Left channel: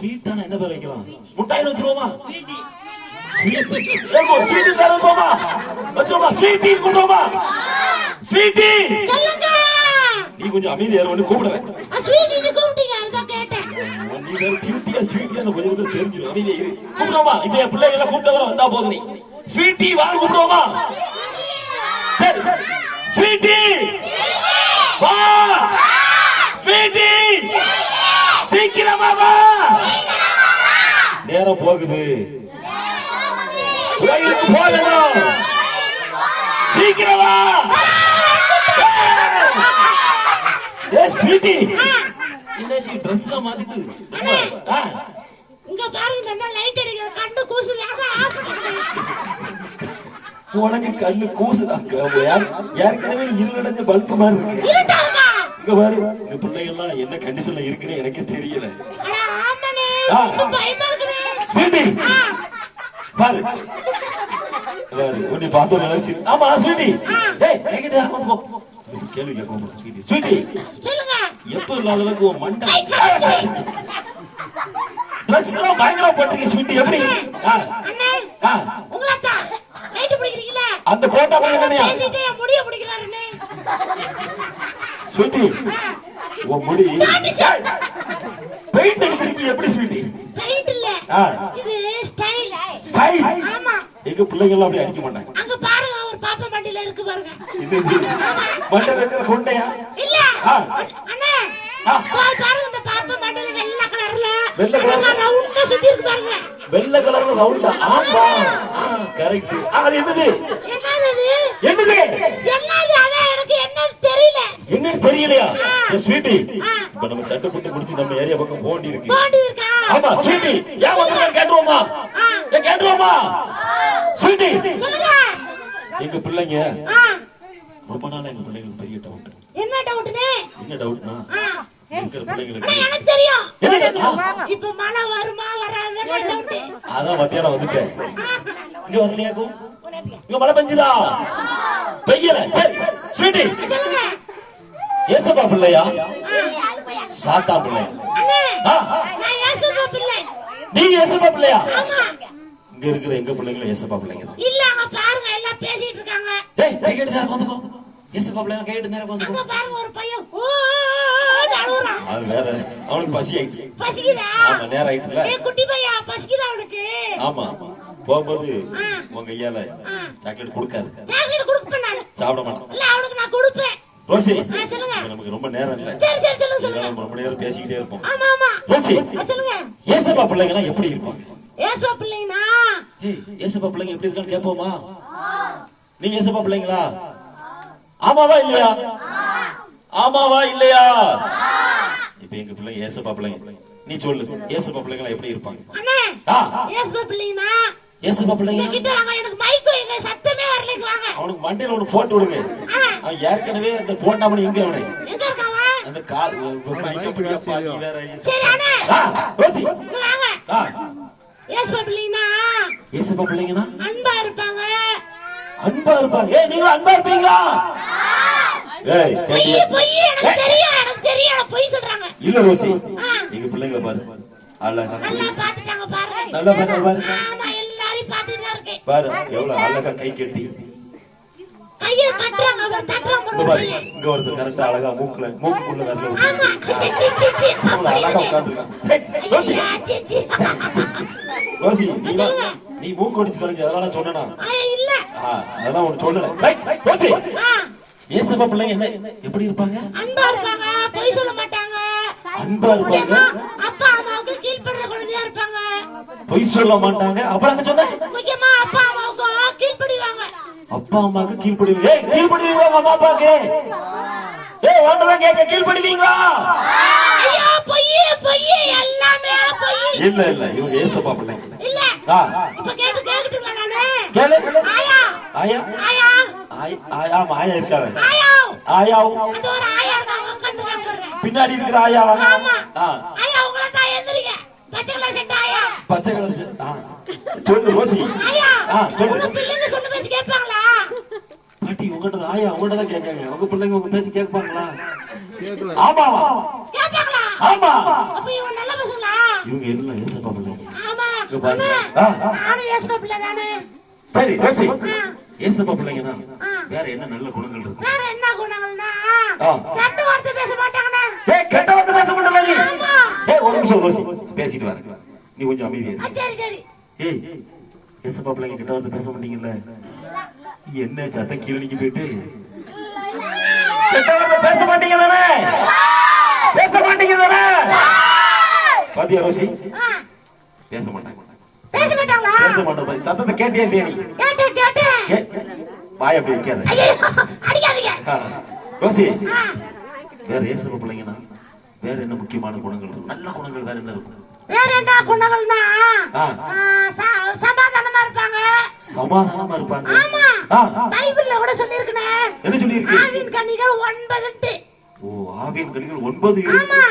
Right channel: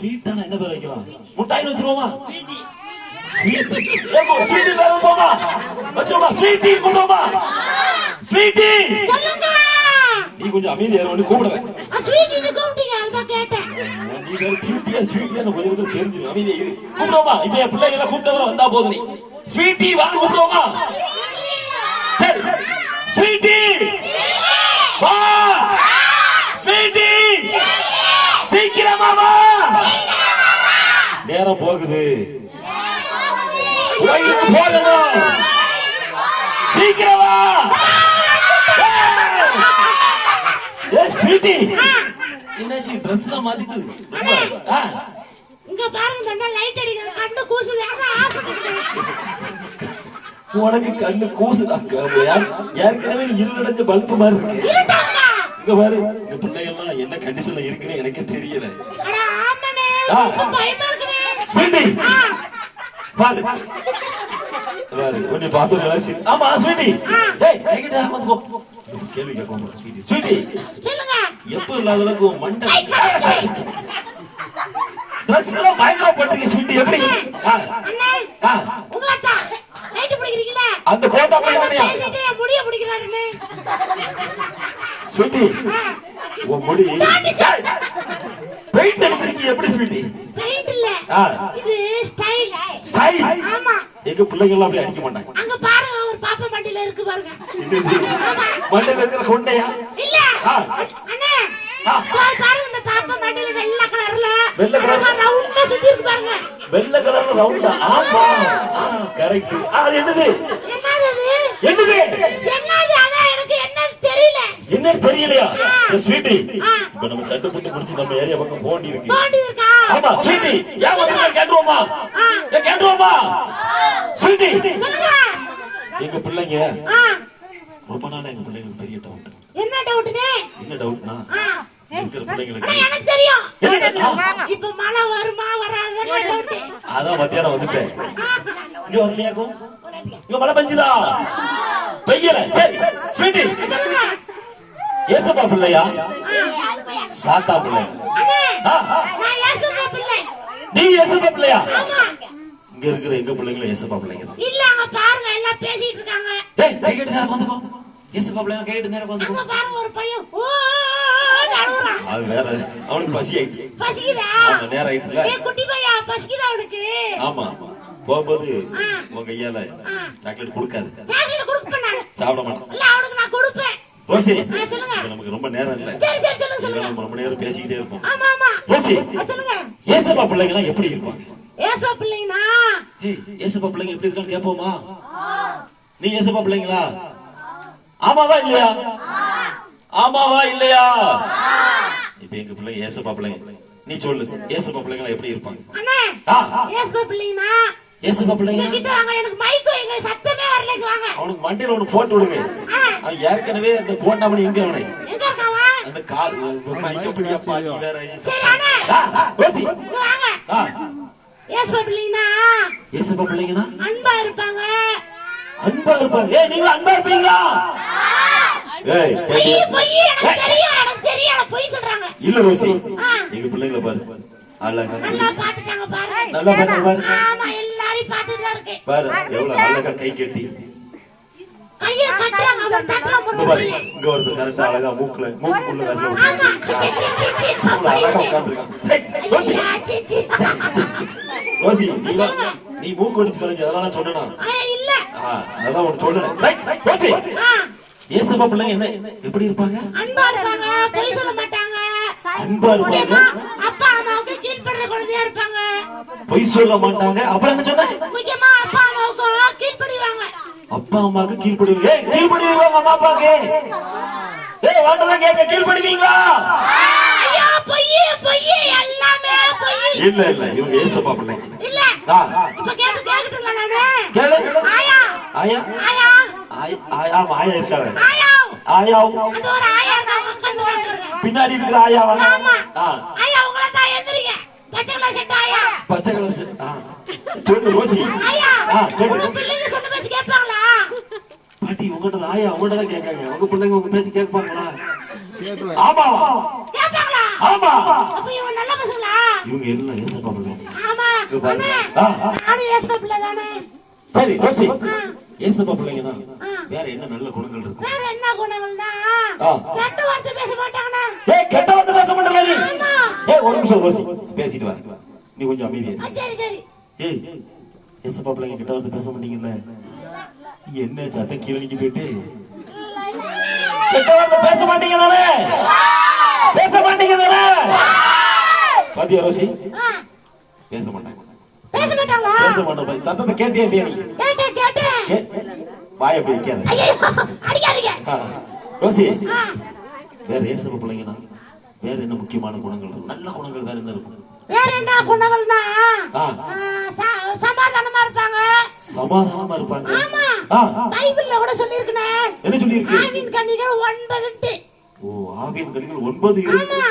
ஸ்வீட்டான என்ன பேர் வைக்கலாம்? முட்டாயின்னு வச்சிருவோமா? ஸ்வீட்டி பேர் வச்சிருவோமா? ஸ்வீட்டி கூப்பிடுவோமா? ஸ்வீட்டி நீ கொஞ்சம் அமைதியா வந்து கூப்பிடுறேன். நீ வேற கியூட்டியா ஸ்வீட்டியா கொஞ்சம் தெரிஞ்சு அமைதியா கூப்பிடுவோமா? இப்ப என் பிள்ளைகளை கூப்பிட்டு வந்தா போதும். நீ ஸ்வீட்டி வாங்க கூப்பிடுவோமா? சரி ஸ்வீட்டி வா, ஸ்வீட்டி சீக்கிரமா வா, நேரம் போகுது, போகணும், சீக்கிரம் வா. ஸ்வீட்டி என்னாச்சு? ட்ரெஸ் எல்லாம் மாத்திட்டு இங்க பாருங்க, இந்த லைட் அடிக்குது, கண்ணு கூசுது. உனக்கு கண்ணு கூசுதா? ஏற்கனவே இருளடைஞ்ச பல்பு மாதிரி இருக்கு. இங்க பாரு, இந்த பிள்ளைகள்லாம் என்ன கண்டிஷன்ல இருக்குன்னு எனக்கு தெரியல. ஸ்வீட்டி பாரு பாரு, கொஞ்சம் பார்த்து நினைச்சு. ஆமா ஸ்வீட்டி, கேள்வி கேட்கும். ஸ்வீட்டி எப்ப இல்லாத அளவுக்கு மண்டை ட்ரெஸ் எல்லாம் பயங்கரமா போட்டுருக்கு. ஸ்வீட்டி எப்படி அந்த போட்டா முடிய பிடிக்கிறாரு ஸ்வீட்டி? உன் முடி பெயிண்ட் அடிச்சிருக்கீங்க எப்படி ஸ்வீட்டி? பெயிண்ட் இல்ல, இது ஸ்டைல். ஸ்டைல்? ஆமா. எங்க பிள்ளைங்க எல்லாம் அப்படி அடிக்க மாட்டாங்க. அங்க பாருங்க, ஒரு பாப்பா மண்டில இருக்கு பாருங்க. மண்டல இருக்கிற கொண்டையா? இல்ல அண்ணே, பாருங்க இந்த பாப்பா மண்டில வெள்ளை கலர்ல ரவுண்டா சுத்தி இருக்கு பாருங்க. வெள்ளை கலர்ல ரவுண்டா? ஆமா கரெக்ட். அது என்னது? என்னது? அதான் எனக்கு என்ன தெரியல. என்ன தெரியலையா? ஸ்வீட்டி இப்ப நம்ம சட்டை புட்டு முடிச்சு நம்ம ஏரியா பக்கம் போண்டி இருக்கு. ஆமா ஸ்வீட்டி, ஏன் வந்து கேட்டுவோமா? கேட்டுவோமா ஸ்வீட்டி? எங்க பிள்ளைங்க ரொம்ப நாள் எங்க பிள்ளைங்களுக்கு பெரிய டவுட். என்ன டவுட்னே? என்ன டவுட்னா, இருக்கிற பிள்ளைங்களுக்கு எனக்கு தெரியும். இப்ப மழை வருமா வராதுன்னு டவுட். அதான் மத்தியானம் வந்துட்டேன். இங்க வரலையாக்கும்? இங்க மழை பெஞ்சுதா? பெய்யல. சரி ஸ்வீட்டி, ஏசப்பா பிள்ளையா சாத்தா பிள்ளை? நீ ஏசப்பா பிள்ளையா? இங்க இருக்கிற எங்க பிள்ளைங்க ஏசப்பா பிள்ளைங்க இல்ல. அங்க பாருங்க எல்லாம் பேசிட்டு இருக்காங்க. டேய் கையிட்டு நேரா வந்துக்கோ. ஏசப்பா பிள்ளைங்க கையிட்டு நேரா வந்துக்கோ. அங்க பாருங்க ஒரு பையன் ஓ அழுறான். அது வேற, அவனுக்கு பசி ஆயிடுச்சு. பசிக்குதா? ஆமா நேரம் ஆயிடுச்சுல. ஏய் குட்டி பையா, பசிக்குதா அவனுக்கு? ஆமா. போகும்போது உங்க கையால சாக்லேட் கொடுக்காது. சாக்லேட் கொடுப்ப நான் சாப்பிட மாட்டேன். இல்ல அவனுக்கு நான் கொடுப்பேன். ரோசி சொல்லுங்க. நமக்கு ரொம்ப நேரம் இல்ல. சரி சரி சொல்லுங்க. நம்ம ரொம்ப நேரம் பேசிக்கிட்டே இருப்போம். ஆமா ஆமா ரோசி சொல்லுங்க. ஏசப்பா பிள்ளைங்க எப்படி இருப்பாங்க? ஏசப்பா பிள்ளைனா? ஏய் ஏசப்பா பிள்ளைங்க எப்படி இருக்கான்னு கேப்போமா? நீ ஏசப்பா பிள்ளைங்களா? ஆமாவா இல்லையா? ஆமாவா இல்லையா? இப்ப எங்க பிள்ளைங்க ஏசப்பா பிள்ளைங்க. நீ சொல்லு, ஏசப்பா பிள்ளைங்க எப்படி இருப்பாங்க? அண்ணே ஏசப்பா பிள்ளைனா? ஏசப்பா பிள்ளைங்க கிட்ட வாங்க, எனக்கு மைக் எங்க சத்தமே வரலக்கு வாங்க. அவனுக்கு மண்டையில ஒன்னு போட்டு விடுங்க. அவன் ஏற்கனவே அந்த போட்டாமணி எங்க அவனே? எங்க இருக்கான்? அந்த கார் மணிக்கு பிடிக்க பாக்கி வேற. சரி அண்ணே ரோசி வாங்க. ஏசப்பா பிள்ளைனா? ஏசப்பா பிள்ளைங்கனா அன்பா இருப்பாங்க. அன்பா இருப்பாங்க. ஏய் நீங்க அன்பா இருப்பீங்களா? ஏய் பொய் எனக்கு தெரியும், எனக்கு தெரியும். நான் பொய் சொல்றாங்க. இல்ல ரோசி, எங்க பிள்ளைங்களை பாரு. அழகா நல்லா பாத்துட்டாங்க பாருங்க. நல்லா பாரு. ஆமா எல்லாரும் பாத்துட்டு தான் இருக்கேன். பாரு எவ்வளவு அழகா கை கட்டி. ஐயா கட்டறாங்க, அவன் தட்டறாங்க பாரு. இங்க வந்து கரெக்ட்டா அழகா மூக்குக்குள்ள வரல விட்டு. அழகா உட்கார்ந்திருக்கான். ரோசி ரோசி நீ மூக்கு ஒடிச்சு கழிச்சு அதெல்லாம் சொன்னேனா? இல்ல அதான் உனக்கு சொன்னேன். ரோசி ஏசப்பா பிள்ளைங்க என்ன எப்படி இருப்பாங்க? அன்பா இருப்பாங்க, பொய் சொல்ல மாட்டாங்க. அன்பா இருப்பாங்க, அப்பா அம்மாவுக்கு கீழ்ப்படுற குழந்தையா இருப்பாங்க. பொய் சொல்ல மாட்டாங்க. அப்புறம் என்ன சொன்ன? முக்கியமா அப்பா அம்மாவுக்கு கீழ்ப்படிவாங்க. அப்பா அம்மாவுக்கு கீழ்ப்படிவாங்க. ஏய் கீழ்ப்படிவாங்க அம்மா அப்பாக்கு? ஏய் வாண்டதான் கேட்க கீழ்ப்படிவீங்களா? ஐயோ பொய் எல்லாமே பொய். இல்ல இவங்க ஏசப்பா பிள்ளைங்க. இல்ல இப்ப கேக்குறீங்களா? நானு கேளு. ஆயா ஆயா ஆயா ஆயா ஆயா இருக்காரு. ஆயா ஆயா அது ஒரு ஆயா தான் உட்கார்ந்துறாங்க. பின்னாடி இருக்கிற ஆயா. ஆமா ஆயா உங்கள தான் எந்திரிங்க. பச்சை கலர் சட்டை ஆயா. பச்சை கலர் சட்டை. சொல்லு ரோசி. ஆயா சொல்லு. உங்க பிள்ளைங்க சொன்ன பேச்சு கேட்பாங்களா? பாட்டி உங்ககிட்ட ஆயா உங்ககிட்ட தான் கேட்காங்க. உங்க பிள்ளைங்க உங்க பேச்சு கேட்பாங்களா? ஆமாவா? கேட்பாங்களா? ஆமா. அப்ப இவங்க நல்ல பசங்களா? இவங்க எல்லாம் ஏசப்பா பிள்ளைங்க. ஆமா இங்க பாருங்க. அண்ணே, நானும் ஏசப்பா பிள்ளை தானே. சரி ரோசி, ஆ. ஏசப்பா பிள்ளைங்கன்னா ஆ. வேற என்ன நல்ல குணங்கள் இருக்கு? வேற என்ன குணங்கள்னா ஆ. கெட்ட வார்த்தை பேச மாட்டாங்கண்ணே. ஏய், கெட்ட வார்த்தை பேச மாட்டல நீ. ஆமா. ஏய், ஒரு நிமிஷம் ரோசி, பேசிட்டு வர. நீ கொஞ்சம் அமைதியா இரு. சரி சரி. ஏய், ஏசப்பா பிள்ளைங்க கெட்ட வார்த்தை பேச மாட்டீங்கல்ல? என்ன சத்தம் கீழடிக்கு போயிட்டு கெட்ட வார்த்தை பேச மாட்டீங்க தானே? பேச மாட்டீங்க தானே? பாத்தியா ரோசி, ஆ. பேச மாட்டாங்க. பேச மாட்டாங்களா? பேச மாட்டோம். சத்தத்தை கேட்டியா இல்லையா நீ? கேட்டேன். வாய் அப்படி வைக்காத. ஐயோ, அடிக்காதீங்க. ஆ. ரோசி, ஆ. வேற ஏசப்பா பிள்ளைங்கன்னா வேற என்ன முக்கியமான குணங்கள் இருக்கு? நல்ல குணங்கள் வேற என்ன இருக்கும்? வேற என்ன குணங்கள்னா ஆ. சமாதானமா இருப்பாங்க. சமாதானமா இருப்பாங்க. ஆமா. ஆ. பைபிள்ல கூட சொல்லிருக்கனே. என்ன சொல்லியிருக்கு? ஆவின் கனிகள் 9. ஓ, ஆவின் கனிகள் 9 இருக்கு. ஆமா.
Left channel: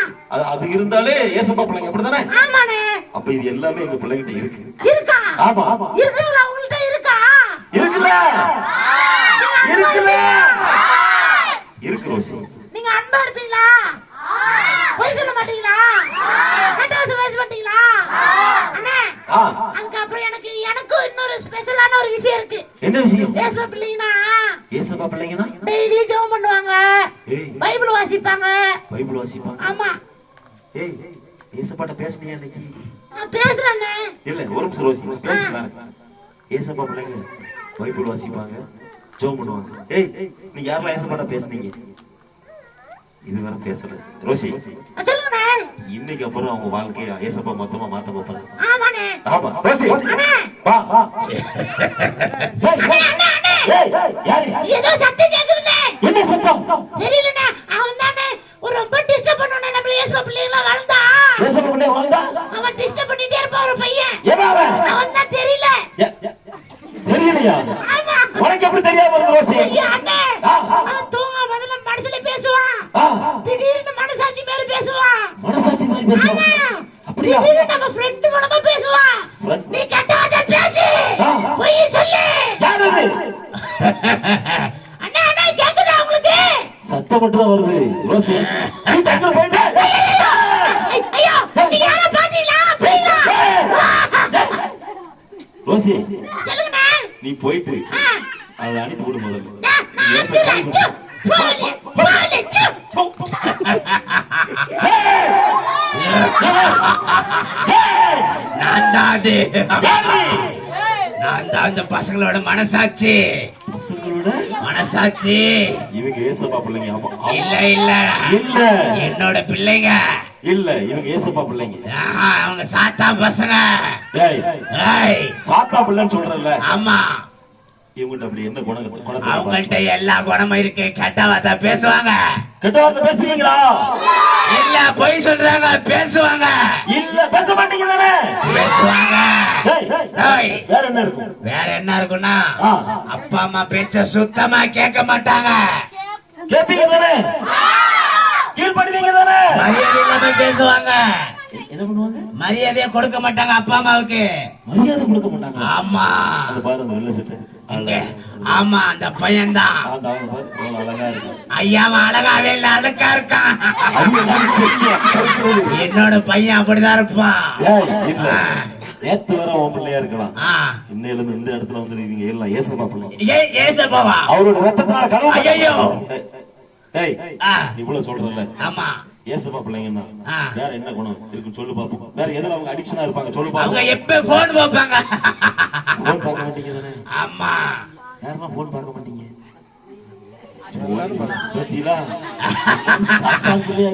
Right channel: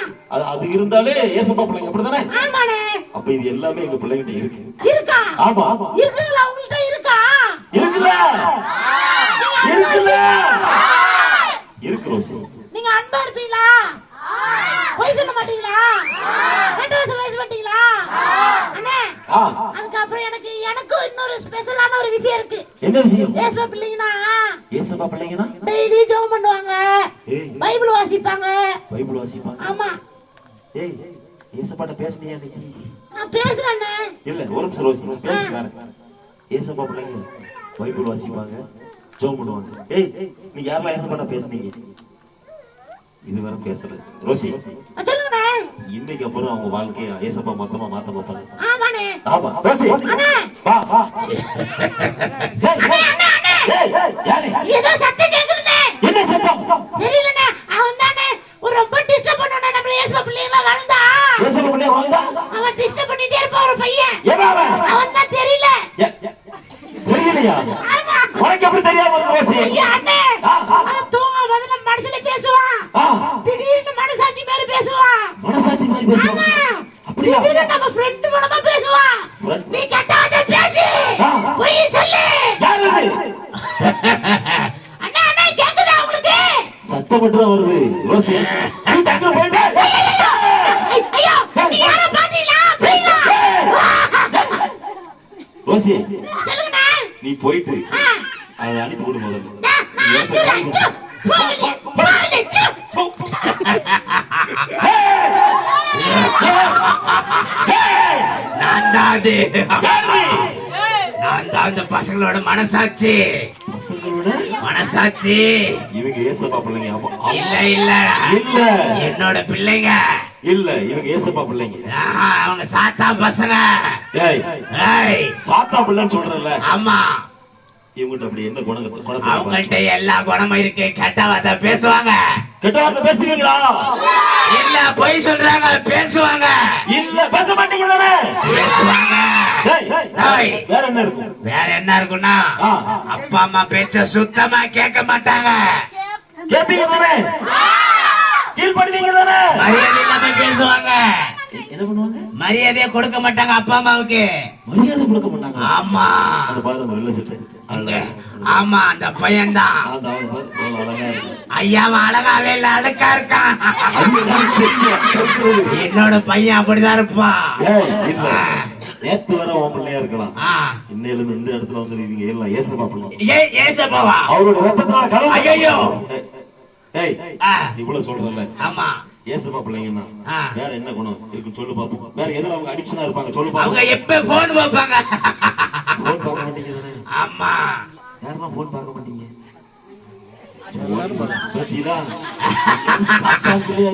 அது இருந்தாலே ஏசப்பா பிள்ளைங்க அப்படிதானே? ஆமாண்ணே. அப்ப இது எல்லாமே எங்க பிள்ளைகிட்ட இருக்கு. இருக்கா? ஆமா. இருக்குங்களா? உங்கள்ட்ட இருக்கா? இருக்குல்ல? இருக்குல்ல? இருக்கு ரோசி. நீங்க அன்பா இருப்பீங்களா? பொய் சொல்ல மாட்டீங்களா? கெட்ட வார்த்தை பேச மாட்டீங்களா? அண்ணே, ஆ. அதுக்கப்புறம் எனக்கு இன்னொரு ஸ்பெஷலான ஒரு விஷயம் இருக்கு. என்ன விஷயம்? ஏசப்பா பிள்ளைங்கன்னா ஏசப்பா பிள்ளைங்கன்னா டெய்லி ஜெபம் பண்ணுவாங்க, ஏய், பைபிள் வாசிப்பாங்க. பைபிள் வாசிப்பாங்க. ஆமா. ஏய், ஏசப்பாட்ட பேசுனியா இன்னைக்கு? நான் பேசுறேண்ணே. இல்ல, ஒரு நிமிஷம் ரோசி, பேசி பாருங்க. ஏசப்பா பிள்ளைங்க பைபிள் வாசிப்பாங்க, ஜெபம் பண்ணுவாங்க. ஏய், நீங்க யாரெல்லாம் ஏசப்பாட்ட பேசுனீங்க? இதுவரை பேசல ரோசி. சொல்லுங்கண்ணே. இன்னைக்கு அப்புறம் அவங்க வாழ்க்கைய ஏசப்பா மொத்தமா மாத்த போறாங்க. ஆமாண்ணே. ஆமா ரோசி, அண்ணே. வா வா. ஏய், யாரு? ஏதோ சத்தம் கேக்குதுண்ணே. என்ன சத்தம்? தெரியலண்ணே. அவன் தானே ஒரு ரொம்ப டிஸ்டர்ப் பண்ணானே. நம்ம ஏசப்பா பிள்ளைங்களா வளர்ந்தா ஏசப்பா பிள்ளை வந்தா அவன் டிஸ்டர்ப் பண்ணிட்டே இருப்பான். ஒரு பையன் ஏன் அவன்? அவன் தான் தெரியல. தெரியலையா? ஆமா. உனக்கு எப்படி தெரியாம இருக்கு ரோசி? ஐயா, அண்ணே. ஆ. அவன் தூங்க முதல்ல மனசுல பேசுவான். ஆ. திடீர்னு மனசாட்சி மாதிரி பேசுவான். மனசாட்சி மாதிரி ஆமா. பேசுவான். அப்படியா? திடீர்னு நம்ம ஃப்ரெண்ட் மூலமா பேசுவான். Friend? நீ கெட்ட வார்த்தை பேசு, ஆ. பொய் சொல்லு. யார் அது? அண்ணா அண்ணா, கேக்குதா உங்களுக்கு? சத்தம் மட்டும் தான் வருது ரோசி. நீ டக்குனு போயிட்டு ஐயோ, நீ யாரை பாத்தீங்களா? போயிடலாம். ரோசி, சொல்லுங்கண்ணா. நீ போயிட்டு ஆ. அதை அனுப்பி விடு முதல்ல. நீ நான் ஏத்த சொல்றேன். சு, போலி, போலி, சு. நான் தான் அது. யாரு? நான் தான் அந்த பசங்களோட மனசாட்சி. பசங்களோட மனசாட்சி இவங்க ஏசப்பா பிள்ளைங்க. ஆமா. இல்ல இல்ல இல்ல என்னோட பிள்ளைங்க. இல்ல, இவங்க ஏசப்பா பிள்ளைங்க. ஆஹா, அவங்க சாத்தா பசங்க. ஏய், ஏய், சாத்தா பிள்ளைன்னு சொல்றல. ஆமா, இவங்கிட்ட அப்படி என்ன குணத்தை அவங்கள்ட்ட எல்லா குணமும் இருக்கு. கெட்ட வார்த்தை பேசுவாங்க. கெட்ட வார்த்தை பேசுவீங்களா? இல்ல, பொய் சொல்றாங்க. பேசுவாங்க. இல்ல, பேச மாட்டீங்க தானே? பேசுவாங்க. ஏய், ஏய், வேற என்ன இருக்கு? வேற என்ன இருக்குன்னா ஆ. அப்பா அம்மா பேச்ச சுத்தமா கேட்க மாட்டாங்க. கேப்பீங்க தானே? கீழ்படுவீங்க தானே? மரியாதை இல்லாம பேசுவாங்க. என்ன பண்ணுவாங்க? மரியாதையை கொடுக்க மாட்டாங்க அப்பா அம்மாவுக்கு. மரியாதை கொடுக்க மாட்டாங்க. ஆமா, அந்த பாரு, அந்த வெள்ளை சட்டை. இங்க. ஆமா, அந்த பையன் தான். அந்த அவன் பாரு, எவ்வளவு அழகா இருக்கு. ஐயா, அவன் அழகாவே இல்ல, அழுக்கா இருக்கான். அது எல்லாரும் தெரியும், இருக்கிறது. என்னோட பையன் அப்படிதான் இருப்பான். ஏய், இல்ல, நேத்து வர உன் பிள்ளையா இருக்கலாம். ஆ. இன்னையில இருந்து இந்த இடத்துல வந்துருக்கீங்க எல்லாம் ஏசப்பா பிள்ளை. ஏசப்பாவா? அவரோட ரத்தத்தினால கனவு. ஐயையோ. ஏய், ஆ. இவ்வளவு சொல்றல. ஆமா. ஏசப்பா பிள்ளைங்கன்னா ஆ. வேற என்ன குணம் இருக்குன்னு சொல்லு பாப்போம். வேற எதுல அவங்க அடிக்ஷனா இருப்பாங்க சொல்லு அவங்க பாப்போம். எப்ப போன் பார்ப்பாங்க. போன் பார்க்க மாட்டீங்க தானே? ஆமா. யாருன்னா போன் பார்க்க மாட்டீங்க? பத்தியா?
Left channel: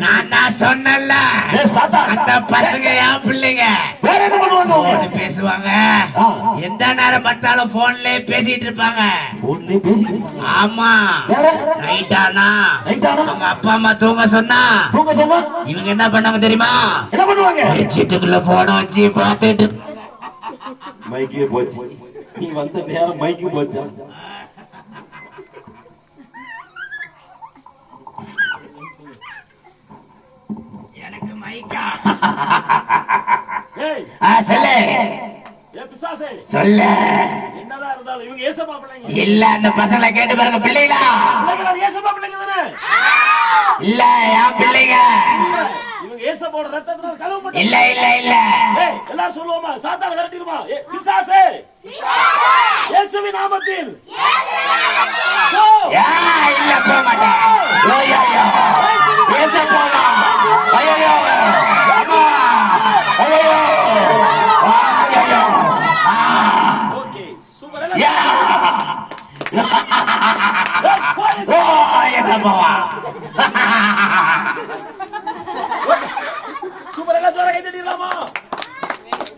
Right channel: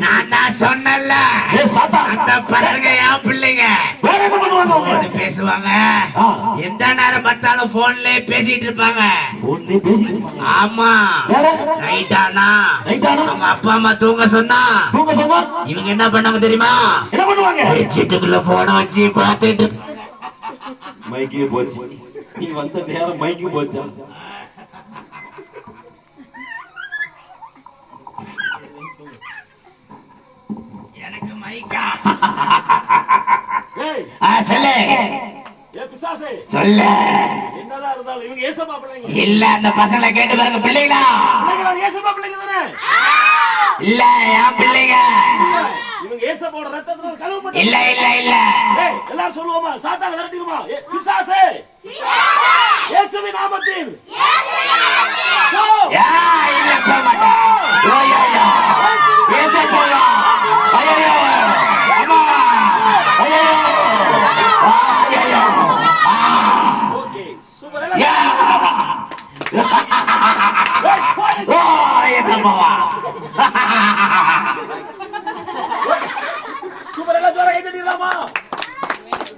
நான் தான் சொன்னேன்ல, ஏய், சாத்தா. அந்த பசங்க என் பிள்ளைங்க. வேற என்ன பண்ணுவாங்க அவங்க? போன் பேசுவாங்க. ஆ. எந்த நேரம் பார்த்தாலும் போன்லயே பேசிட்டு இருப்பாங்க. போன்லயே பேசிட்டு இருப்பாங்க. ஆமா. வேற? நைட்டானா நைட் ஆனா அவங்க அப்பா அம்மா தூங்க சொன்னா தூங்க சொன்னா இவங்க என்ன பண்ணாங்க தெரியுமா? என்ன பண்ணுவாங்க? சீட்டுக்குள்ள போன வச்சு பார்த்துட்டு மைக்கே போச்சு. நீ வந்த நேரம் மைக்கு போச்சா? எனக்கு மைக்கா. ஏய், சொல்லு ஏ பிசாசே, சொல்லு. என்னதான் இருந்தாலும் இவங்க ஏசப்பா பிள்ளைங்க. இல்ல, அந்த பசங்களை கேட்டு பாருங்க. பிள்ளைங்களா? பிள்ளைங்களா? ஏசப்பா பிள்ளைங்க தானே? இல்ல, என் பிள்ளைங்க. இவங்க ஏசப்போட ரத்தத்தினால் கழுவ மாட்டேன். இல்ல இல்ல இல்ல ஏய், எல்லாரும் சொல்லுவோமா? சாத்தான விரட்டிடுமா? பிசாசே, இயேசுவின் நாமத்தில் போ. இல்ல போக மாட்டேன். ஐயோ, ஐயோ. பேச போலாம். ஐயோ, அம்மா. ஐயோ, ஐயோ. Okay, super. யா. ஏய், போ, ஓ, ஏசப்பா.